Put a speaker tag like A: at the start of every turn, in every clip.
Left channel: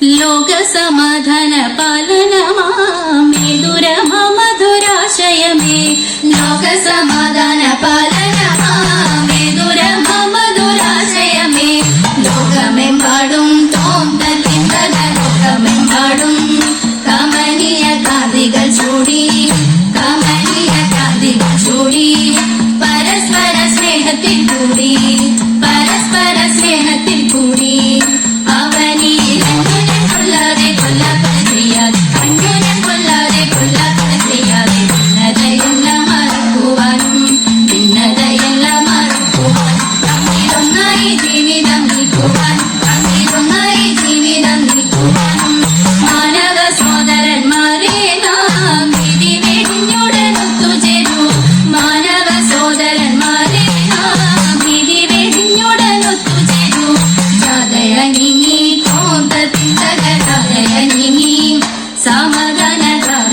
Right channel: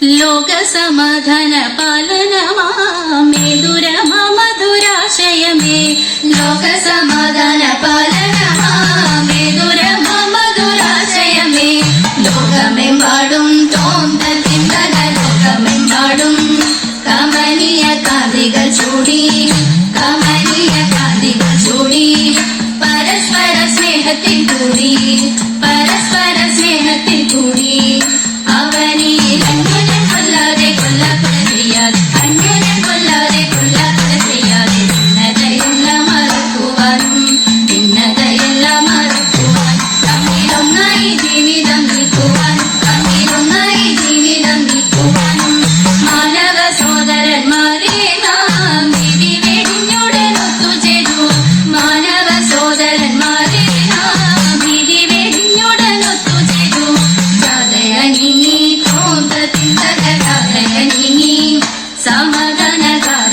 A: ലോക സമാധാന പാലനമാമേ ദുരമ മധുരാശയമേ ലോക സമാധാന പാലനമാമേ ദുരമ മധുരാശയമേ ലോകമെമ്പാടും തോന്നത്തിന്ന ലോകമെമ്പാടും കമനീയ കാന്തികൾ ചൂടി കമനീയ കാന്തികൾ ചൂടി. പരസ്പര സ്നേഹത്തിൽ കൂടി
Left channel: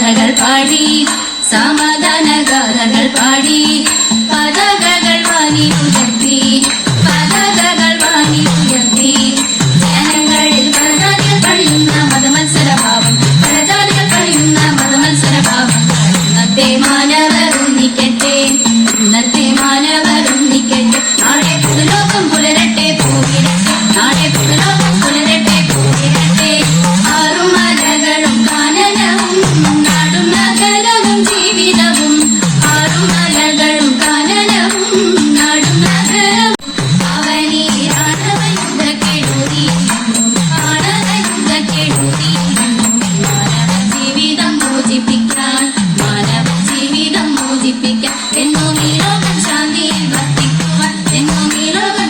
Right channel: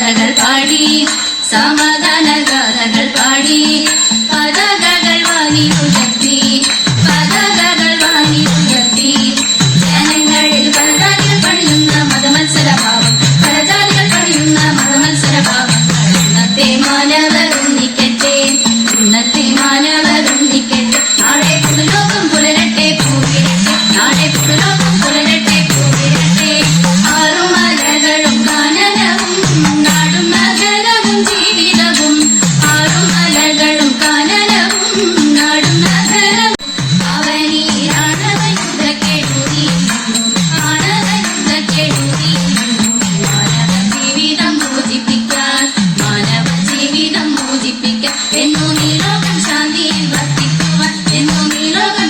A: பதங்கள் பாடி சமாதானகாரர்கள் பாடி பதங்கள் வாங்கி உயர்த்தி பதங்கள் வாங்கி உயர்த்தி ஜனங்களில் பிரசாதியில் கழியுന്ന மதமത്സരഭാവം പ്രചാരികൾ കഴിയുന്ന മതമത്സരഭാവം അന്നത്തെ മാന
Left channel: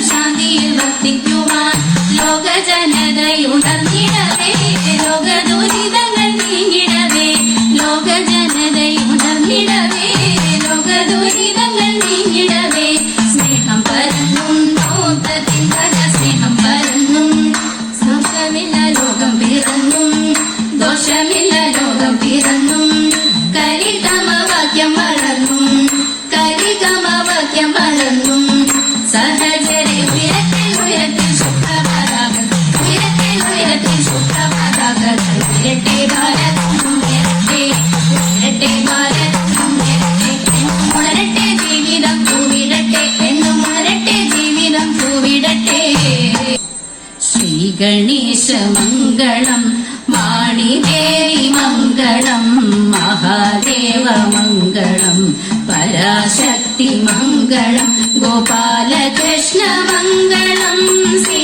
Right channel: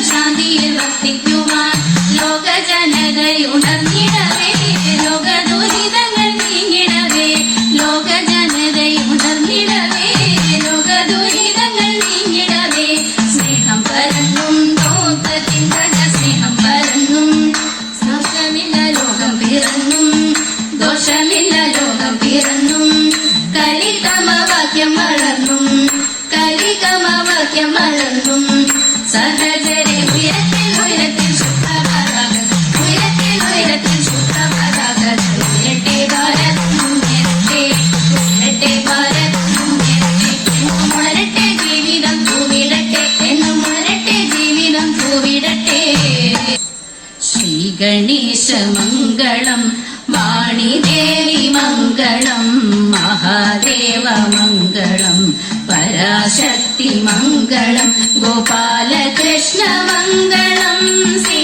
A: ശാന്തിയിൽ വർത്തിക്കുവാൻ ലോകജനതയുണർന്നിടവേ ലോക ഗണേശമംഗളം വാണിദേവി മംഗളം മഹാദേവ മംഗളം പരാശക്തി മംഗളം ഗോപാലകൃഷ്ണ മംഗളം ശ്രീ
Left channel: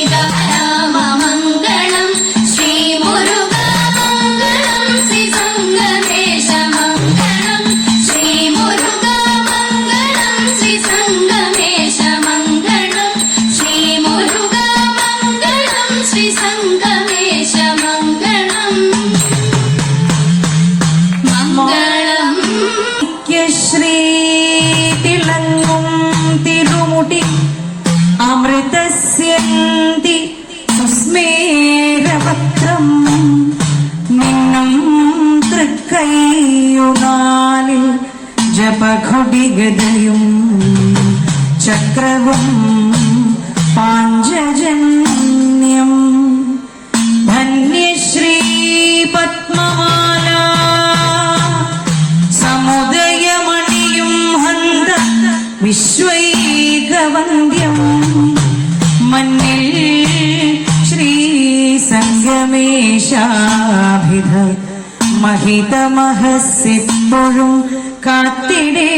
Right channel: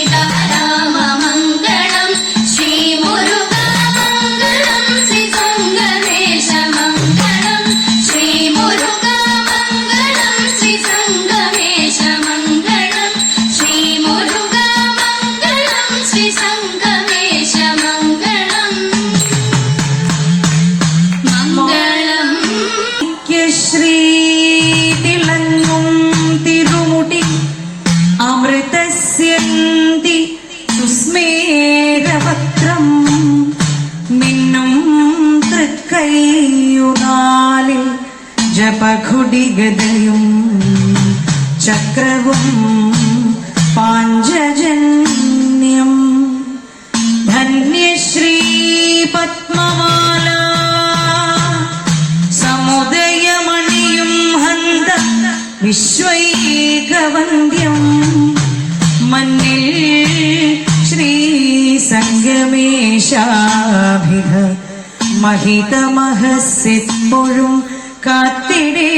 B: നീന്തി കുസ്മേരപത്രം നിന്നും തൃക്കൈയുനാലിൽ ജപഘൊടിഗതയും ചക്രവും പാഞ്ചജന്യം. ധന്യശ്രീ പത്മമാല സമുദയമണിയും ഹന്ത വിശ്വ നിജമേശാഭിധ മഹിതമഹസ്യപ്പോഴും കാത്തിടേ.